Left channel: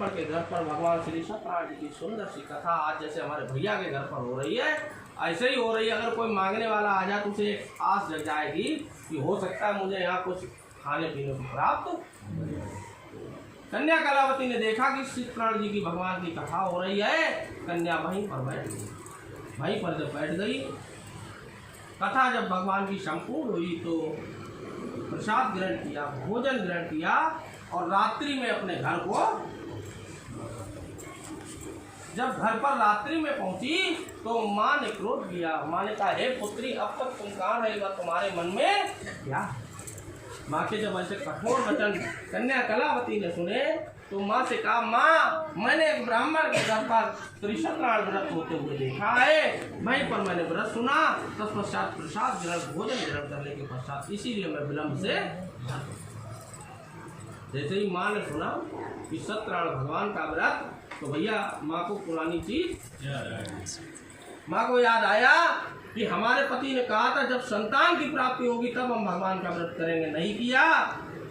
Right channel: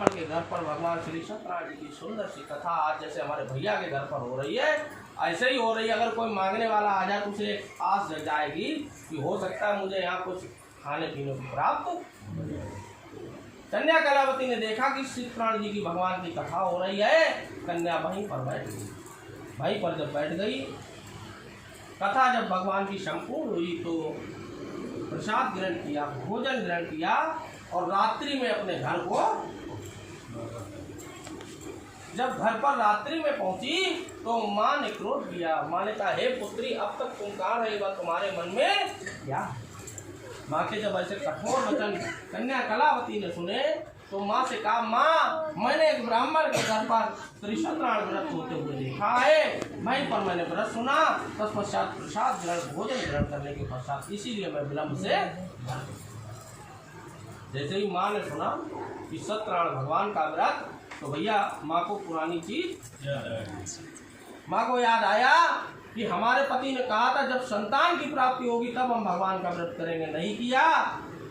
ब्राह्मण के घर पर भगवान श्री सत्यनारायण जी की सुंदर सी कथा आज जैसे हमारे भैया के घर पर हो रही है, ऐसे ही हो रही है। अगर कोई मांगने वाला आ जाए तो उसे आस जग जाएगी कि हो सकता है मुझे यहाँ कुछ खाने पीने को प्राप्त। कन्या कलावती ने देखा कि सत्यनारायण जी की भगवान की कथा हो रही है, कन्या वहीं पर बैठ गई। वहीं पर जब बैठ गई, कथा जब भगवान की संपूर्ण हुई तो प्रसाद ग्रहण किया, भोजन ग्रहण किया और रात्रि में अपने घर को, जब घर पर रात्रि में पहुंची तो माँ ने क्रोध किया। माँ ने कहा, हे पुत्री, अब तक तुम कहाँ रही, तुम्हारे मन में क्या? माँ के जब ऐसे कठोर वचन कन्या कलावती ने सुने तो माँ से कहा, माँ, मैंने एक ब्राह्मण के घर पर श्री सत्यनारायण व्रत होते हुए देखा है, वहीं पर मैंने व्रत सुना, तत्पश्चात प्रसाद ग्रहण भोजन ग्रहण करने के पश्चात इसीलिए मैं विलम्ब से। जैसे ही माँ ने सुना कि सत्यनारायण भगवान का व्रत, तो भैया माँ को पुरानी चीज, माँ को याद आया कि हमारे पति ने कहा था जब संतान की प्राप्ति होगी तब हम भगवान का व्रत करेंगे, नहीं किया।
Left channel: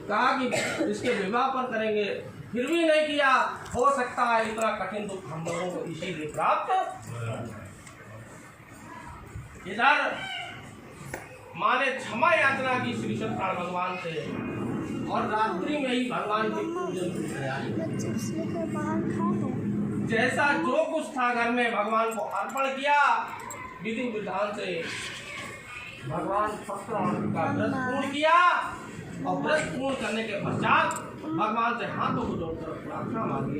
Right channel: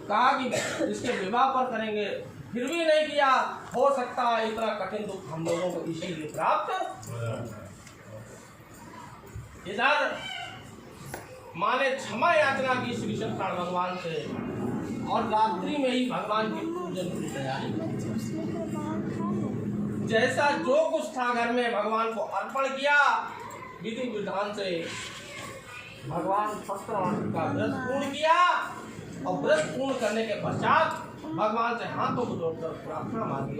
कहा कि इसके विवाह पर करेंगे, फिर भी नहीं किया। हो सकता है इतना कठिन दुख हम लोगों को इसीलिए प्राप्त। इधर माँ ने क्षमा याचना की श्री सत्यनारायण भगवान से और रात्रि में ही भगवान की पूजन की तैयारी। जैसा जो कुछ था घर में भगवान को अर्पण किया, विधि विधान से भगवान सत्यनारायण का व्रत पूर्ण किया और व्रत पूर्ण करने के पश्चात भगवान से हाथों को जोड़कर प्रार्थना मांगी।